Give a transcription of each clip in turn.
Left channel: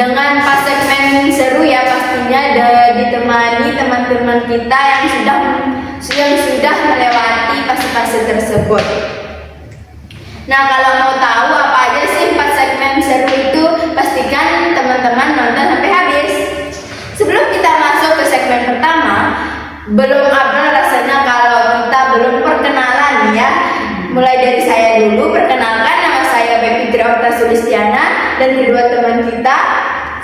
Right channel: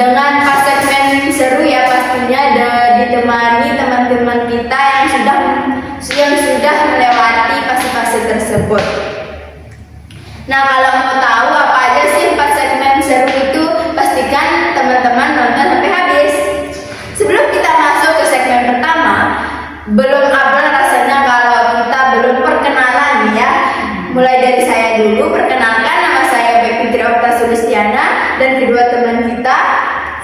dengan pas segmen seru ya pastinya ditemani teman-teman kita yang sudah melewati fase-fase tersebut. Nah, kalau mau tahu apa aja sih pas segmen seru itu, pastikan teman-teman nonton sampai habis. Sebelum kita masuk ke segmen pertama, belum abal rasanya kalau kita belum perkenalan ya. Mulai dari saya dulu, perkenalkan nama saya Bepi Triorta Sulistiana dan kedua teman kita.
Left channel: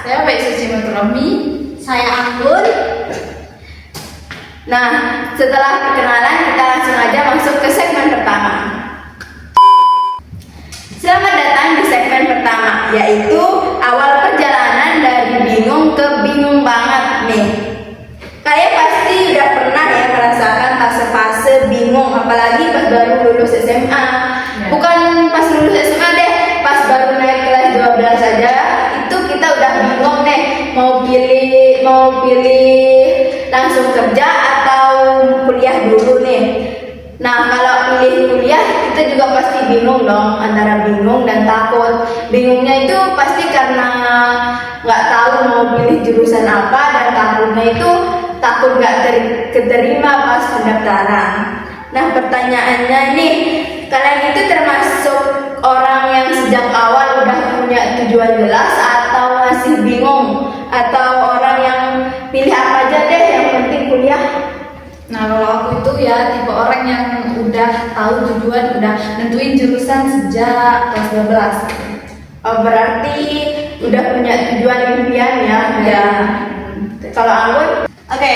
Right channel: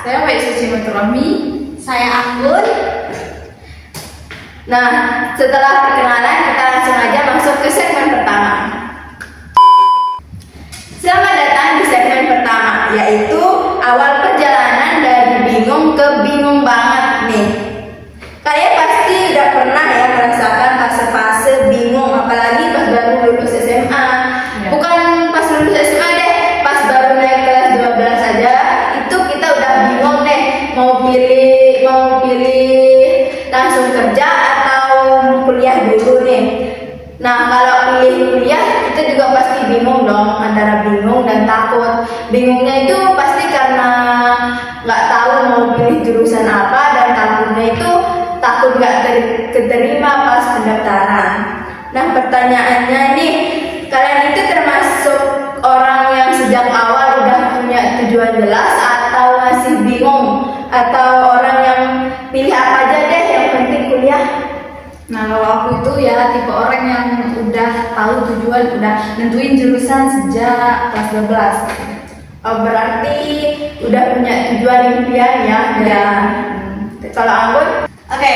Saya Baik Suci Maturami. Saya Akun. Nah, setelah perkenalan kita langsung aja masuk ke segmen pertama. Selamat datang di segmen pertama, yaitu awal perjalanan dari bingung ke bingung banget nih. Kalian pasti udah pernah ya merasakan fase-fase bingung, apalagi pas baru lulus SMA. Ya. Bukan pas lulus SMA deh, pas baru naik kelas 12 saja, itu kita udah bingung deh mau pilih langsung kerja atau kuliah dulu nih. Nah, kalau pilih kuliah kita juga pasti bingung dong, antara bingung dan takut. Bingungnya itu pasti karena nggak tahu mau pilih jurusan apa, dan takutnya itu takut nggak keterima pas pendaftaran. Nah, pertanyaannya nih, kalian itu termasuk orang yang sejak awal udah punya tujuan jelas atau masih bingung, atau orang yang pilih apa aja deh yang penting kuliah? Nah, kalau aku itu ya tipe orang yang udah tahu tujuan, udah nentuin jurusan sejak kelas 12. Oh, berarti udah punya tujuan impian ya? Ya. Kalau Anggun? Oke,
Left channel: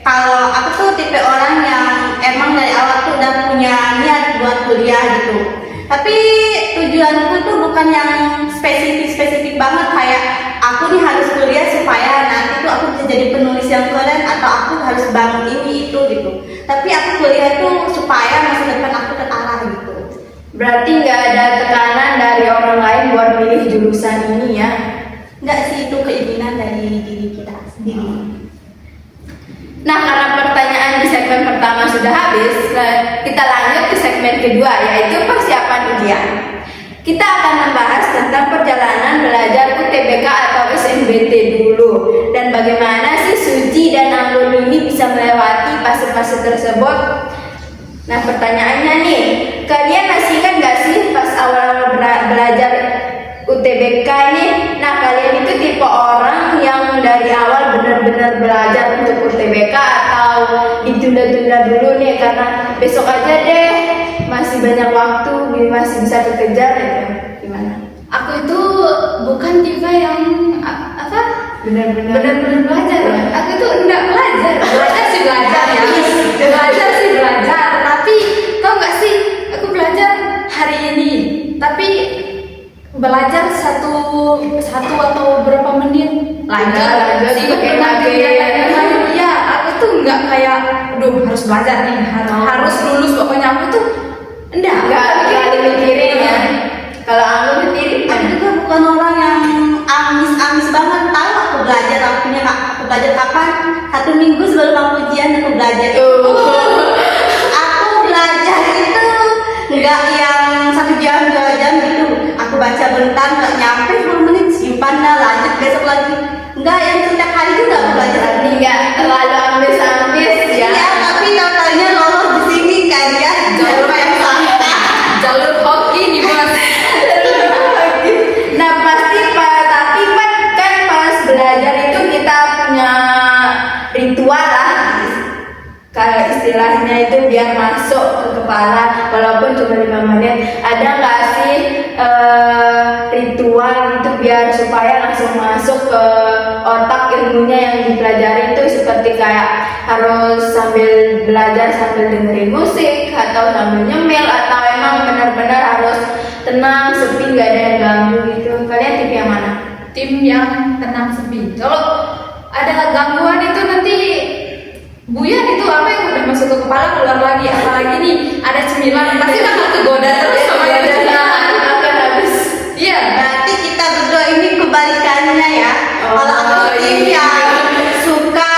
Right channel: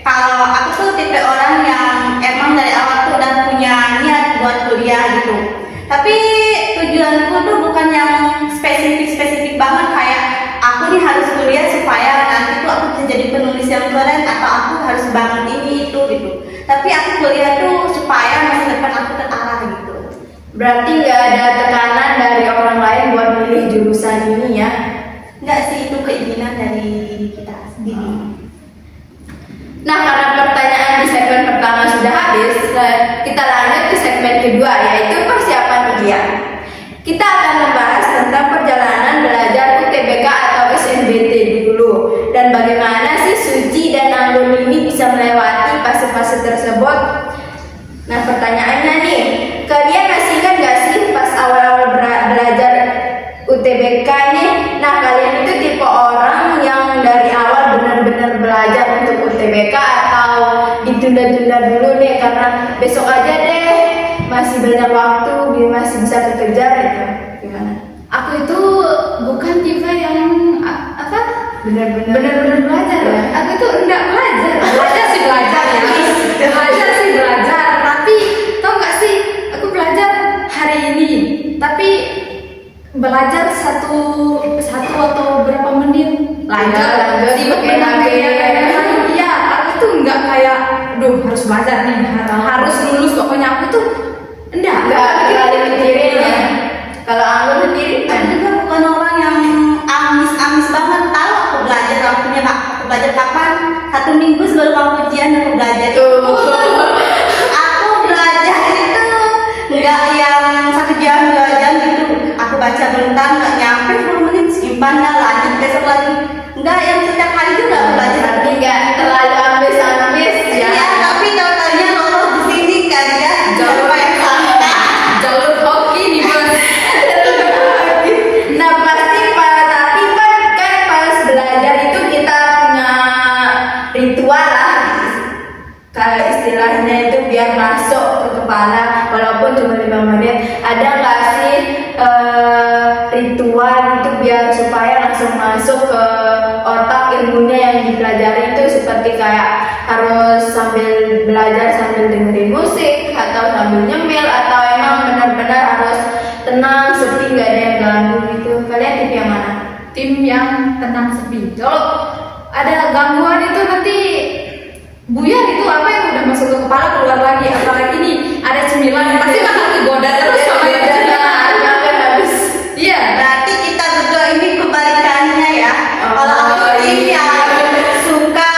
kalau aku tuh tipe orang yang emang dari awal tuh udah punya niat buat kuliah gitu. Tapi tujuanku tuh bukan yang spesifik banget kayak aku nih harus kuliah supaya nanti tuh aku bisa jadi penulis yang keren, atau aku harus bangun ini itu gitu. Tapi aku kuliah tuh supaya masa depan aku terarah gitu. Berarti nggak ada tekanan dari orang lain buat milih jurusan ini ya? Enggak sih, itu keinginan dari diri kita sendiri. Nah, karena pertanyaan di segmen pertama sudah habis, kita lanjut ke segmen kedua, yaitu persiapan ujian. Kita akan membahas tentang perjalanan belajar UTBK atau SNBT dulu, dan bagaimana sih Suci dan Anggun ini bisa melewati fase-fase tersebut. Nah, pertanyaannya nih, kalian masih ingat gak sih pas awal-awal belajar UTBK nih? Nah, kalian itu tipe orang yang dari awal benar-benar belajar untuk UTBK atau ditunda-tunda dulu nih karena besok aja deh, masih banyak waktu, masih bisa kekejar gitu? Gimana? Aku itu bukan tipe yang Benar-benar belajar. Ya. Aku itu enggak belajar. Belajar sih belajar ya. Belajar sih belajar. Tapi tau nggak sih, aku belajar hari ini. Tapi belajar satu atau berapa menit lanjut sibuk dengan kegiatan yang lain. Iya, aku tuh nggak kayak, harus belajar nih, harus lulus. Pokoknya aku tuh nggak ada mikirin ya. Kalau Anggun sendiri, Aku juga bukan orang yang amis banget. Tahu aku belajar kapan? 1 minggu sebelum aku ujian aku belajar. Aku belajar itu nggak yang 1 jam 2 jam gitu. Aku baca bentar nggak nyampe 10 menit, simpan dah, lanjut besok lagi. Nggak yang setiap hari juga aku belajar. berarti nggak terlalu ambis ya. Iya, tapi tahu-taunya lolos di sini kan ya. Jalur yang salah. jalur hoki nih bos. Nah, pasti tapi kan pas belajar itu kita punya ritual lah, kayak istilahnya itu biar masuk ke kepala walaupun cuma 5 menit. Ada nggak sih ritual itu biar supaya langsung masuk ke otak ilmunya yang dipelajari itu, seperti kayak harus sambil belajar sambil dengerin musik atau sambil nyemil, atau emang benar-benar harus tenang, sepi, nggak ada yang ganggu gitu? Kalian tipe yang mana? Tim yang tenang sepi. Kalau ada gangguan itu nanti buyar itu apa yang udah masuk ke kepala keluar lagi. Apalagi nih ada cemilan, pasti bakal kegoda terus sama itu cemilan. Iya. Berarti kita berdua ini kebalikannya ya. Kalau aku tim yang suka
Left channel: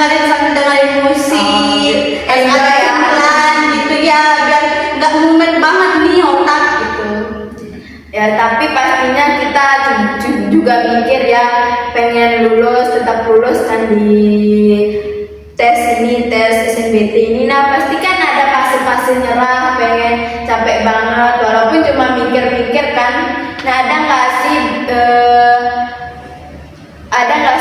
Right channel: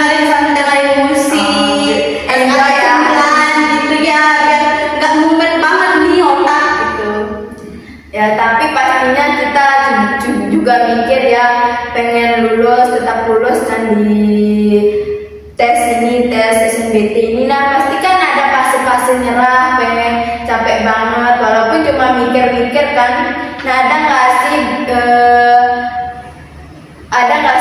sambil dengerin musik, ada cemilan gitu ya, biar nggak mumet banget nih otak gitu. Ya, tapi pastinya kita juga mikir ya pengen lulus, tetap lulus kan di tes ini, tes SNBT ini. Nah pasti kan ada fase-fase nyerah, pengen capek banget walaupun cuma mikir-mikir kan. Nah ada nggak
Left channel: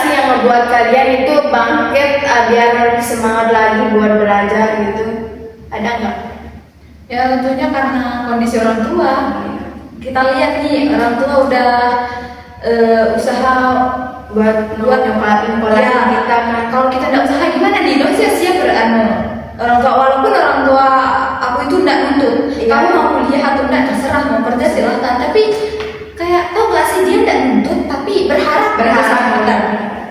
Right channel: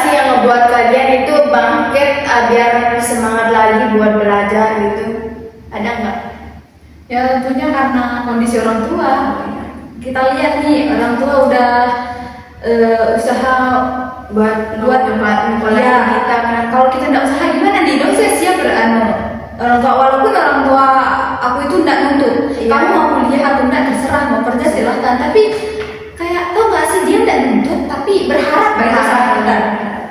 sih yang ngebuat kalian itu bangkit biar semangat lagi buat belajar gitu? Ada nggak? Ya tentunya karena kondisi orang tua. Kita lihat nih orang tua udah usaha buat ya, kita kan. kalau kita tidak usaha gimana nih? Dong saya siap orang tua, walaupun orang tua aku itu tidak nuntut. Iya. Kamu mau kuliah atau tidak terserah, mau kerja silahkan. Tapi kayak tau gak sih dia tidak nuntut tapi berharap sama kita.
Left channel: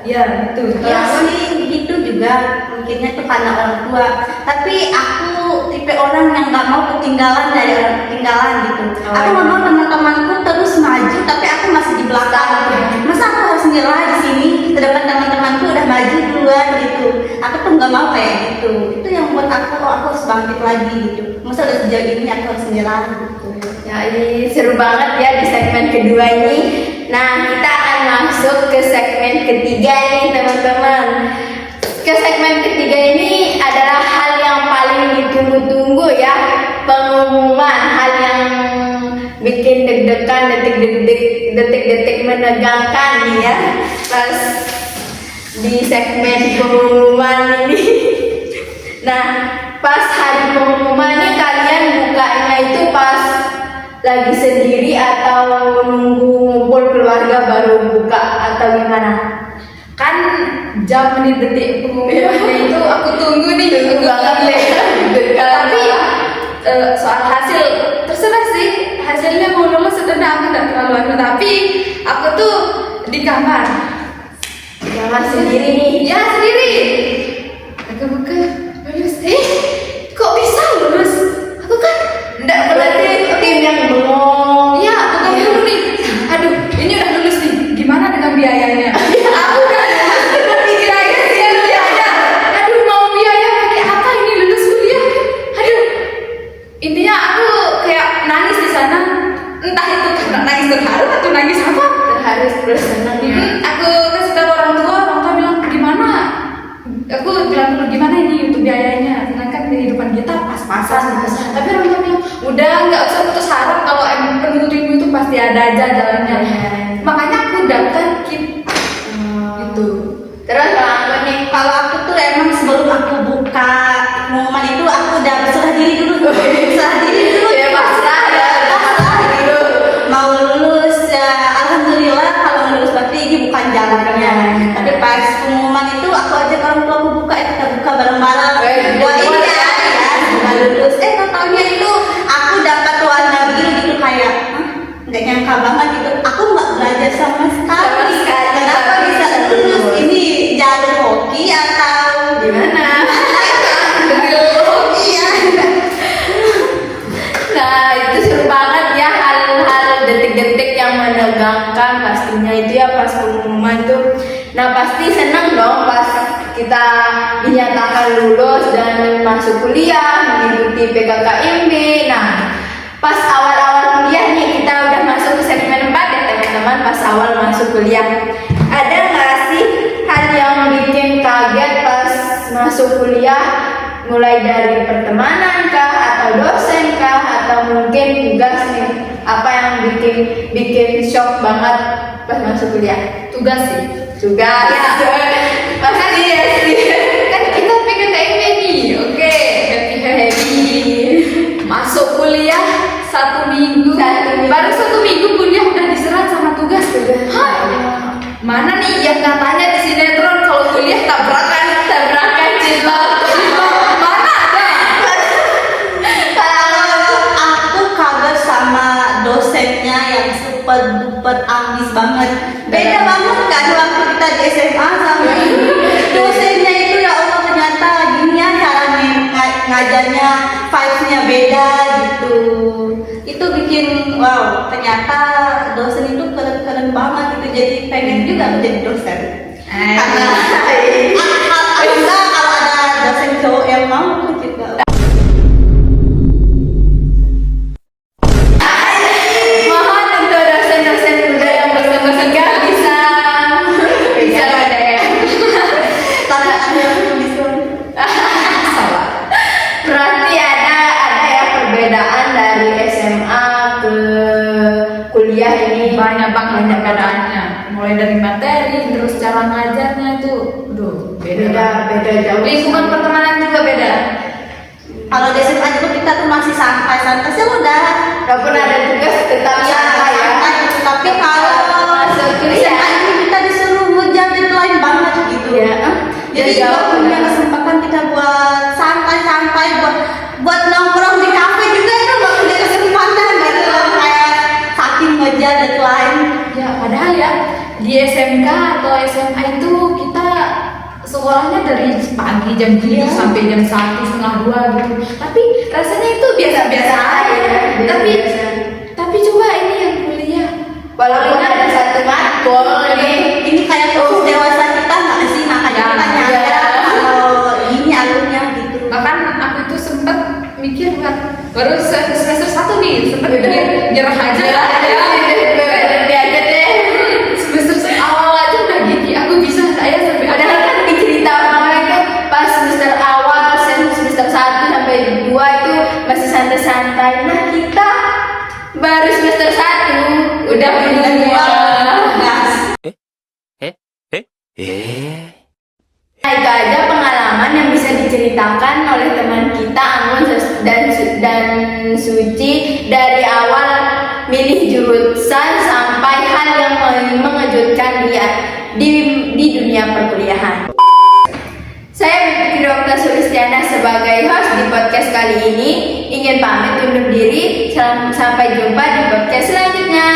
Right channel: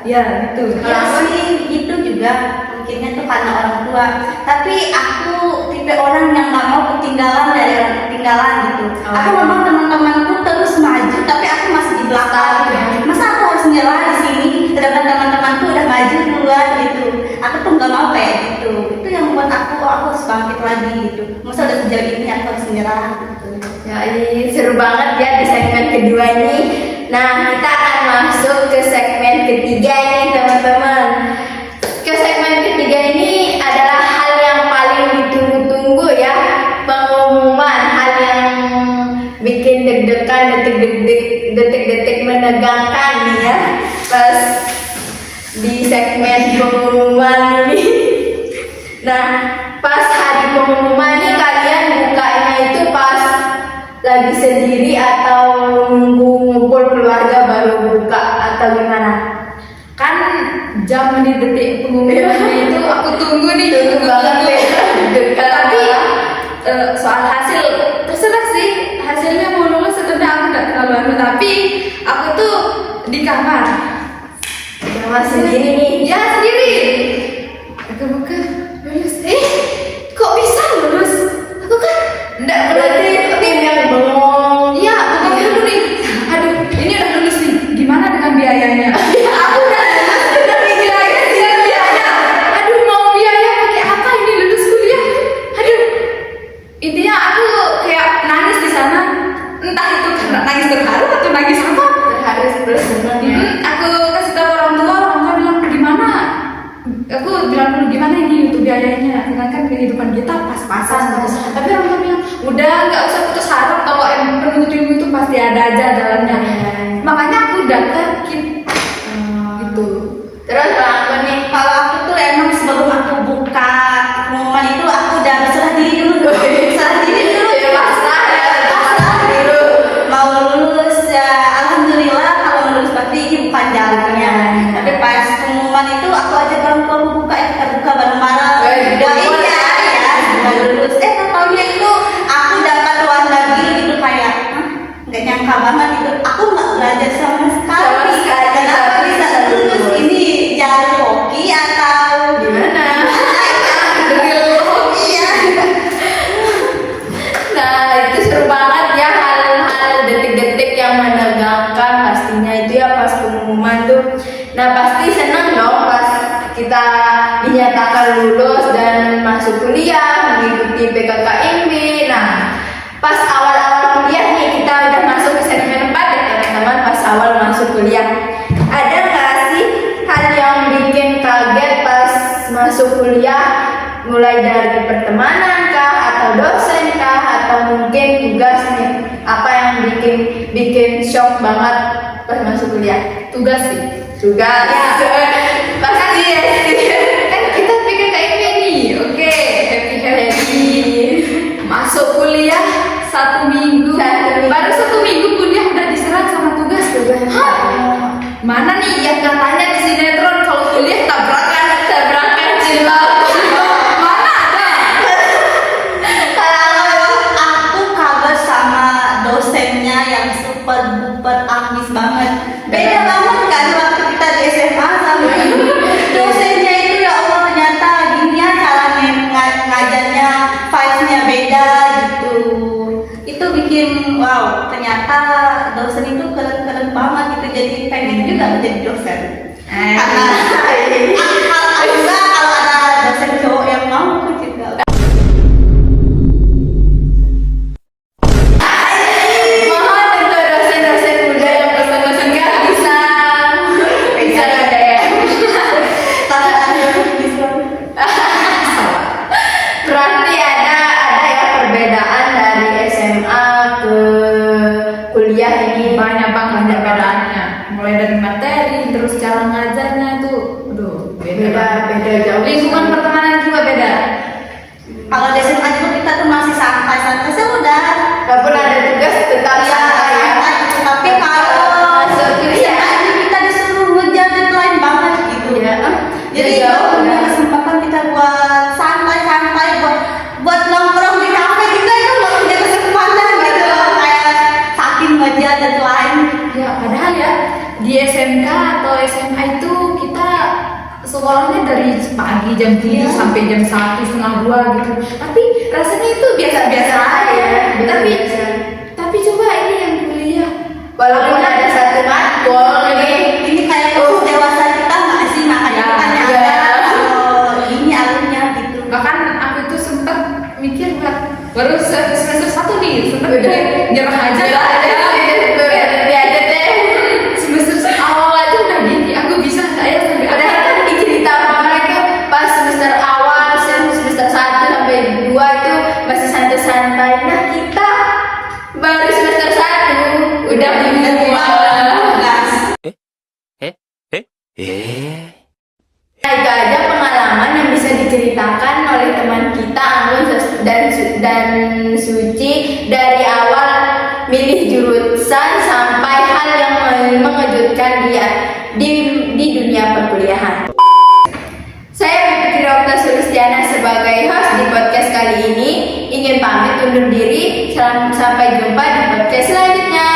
Ya gitu. Ya sih gitu juga mikirnya tuh karena orang tua. Tapi aku tipe orang yang nggak mau ketinggalan dari orang ketinggalan gitu. Oh, Aku nggak mau teman-temanku terus maju tapi aku masih di belakang gitu. Masa aku harus nyerah di sini sedangkan teman-temanku udah maju duluan gitu. Aku tuh nggak mau kayak gitu. Itu yang buat aku harus bangkit lagi gitu. Masa udah sejauh ini aku harus nyerah gitu. Ya ini seru banget ya di segmen kedua ini. Nah kita akan masuk ke segmen ketiga ini teman-teman. Ke segmen ketiga ini adalah hal yang paling ditunggu-tunggu ya, pengumuman, hal yang bikin deg-degan, detik-detik menegangkan nih ya pas di segmen pengumuman ini. Nah pas hari pengumuman ini kalian bukanya itu pas lagi sendiri atau nunggu ngumpul keluarga baru buka atau gimana? Kan jam menit detik pengumumannya itu aku tunggu nih. Tunggu banget deh. Tapi soal hasil terserah sih, hasilnya mau lulus atau enggak aku enggak terlalu tapi aku tuh di kamar. Kamar sendiri nih. Ya sendiri. Aku buka lulus. Kok bisa lulus? Aku kan enggak Berarti tim yang bengong. Iya, bukan dulu nih. Aduh, ini udah lulus nih. Gimana dengan biayanya? Aku udah biaya. Aduh, mau biaya pakai apa ini lulus kuliah? Aduh. Intinya aku kayak nangis di sana. Entah itu karena nangis terharu atau nangis apa. Harus terus senang ya. Aku kasih tahu orang tua bilang gimana? Aku bilang dulu gimana ini untuk biayanya, sedangkan kehidupan kita pas-pasan. Tapi orang tua bilang udah nggak usah putus harap, kalau emang penunggu itu pasti ada aja jalannya. Makanya aku daftar gitu. Terus apa nih? Kalau aku tuh emang sebelum aku buka pengumuman itu aku udah berserah diri dulu. Berserah diri dulu Ya pasrah ya. pasrah dulu. Mau lulus ya alhamdulillah, kalau lulus pasti ini bukan jalannya. Tapi pas pengumuman itu aku ajak orang tua aku buka, kita buka bareng-bareng. Doain ya, semoga lulus. Taunya itu aku dapat warna biru gitu kayak, nggak nyangka banget gitu. Aku nggak belajar sama sekali. Kenapa bisa lulus? Ini jalur hoki atau Gimana? Iya. Nah itu seru banget ya, hal-hal detik-detik yang menegangkan pastinya itu ya pas pengumuman tuh. Nah pasti senang dong pas kita dinyatakan lulus dan masuk kuliah mengikuti PKKMB. Nah pas awal-awal kuliah nih, kita udah masuk ke segmen 4 ya teman-teman. Pas awal masuk kuliah, ada nggak sih hal yang bikin kaget pas masuk kuliah? Mulai dari pertemanan kah, atau dosen kah, atau mungkin tugas nih? Apa yang bikin shock banget pas masuk kuliah? Tugas sih. Tugas Ya. pasti ya sih. Kan kita PKKMB nih, oke, happy. Masuk kuliah 1 minggu. Baru 1 minggu kuliah udah diserat sama tugas. Hah? Mana nih yang katanya di sinetron kalau kuliah tabrakan cilok. Mana ada? Aku kaget sama dosennya yang super duper ambis banget. Beda banget kan waktu kita di SMA sama ini. Dosennya itu ya Allah, ternyata gini ya caranya ngajarnya, vibes-nya beda gitu. Itu bikin wow, ternyata dosen itu keren-keren banget gitu. Jadi pengen juga menjadi dosen. Karena alhamdulillah kalau ada dosen cowok yang mau aku juga. Mohon untuk dosen-dosen muda yang nggak bisa kuliah ini banyak banget perbedaannya, mulai dari materi terus cara ngajarnya itu aduh beda beda banget. beda jauh. Lingkungan pertemanan juga beda. Kalau di SMA juga kita tuh masih santai-santai sudah. Walaupun ada tugas tetap santai ya. Tapi kalau masuk di kuliah SMA ini kita disuruh ngejar deadline banget gitu. ya. Jadi jauh kalau punya ya. kesempatan kita buat santai-santai, buat nongkrong di kafe kita itu nggak punya kesempatan gitu. Kayak saking ngejar deadline. Ya padahal ya di SMK atau SMA itu kita sekolahnya dari pagi jam 7 Iya. sampai jam 1 setengah 2 gitu. Tapi rasanya itu biasa-biasa aja. Tapi biasa. tapi coba ini yang kuliah. Walaupun ada satu matkul Ini kayak kursus dewasa kita nggak sih, makanya Ya, kita nyadar ya. kalau ini alurnya gitu. Bahkan aku itu sempat mikir buat baru semester 1 nih sempat Udah. mikir nyerah aja kali ya. berhenti aja deh. Semester awal aja udah gini, aku bisa nggak ya sampai Padahal ada kan cerita mereka pas semester awal, semester 1 sampai 2 itu masih santai-santai. Nah kita baru semester 1 udah semua. Gas. Nah itu aja pengalaman yang bisa diceritakan oleh teman kita Anggun dan Suci dari awal milih jurusan sampai hal yang mengejutkan dia di dunia perkuliahan. Saya Putri Okta Sulistiana sebagai host di podcast kali ini ingin pamit undur diri. Sampai jumpa di podcast selanjutnya.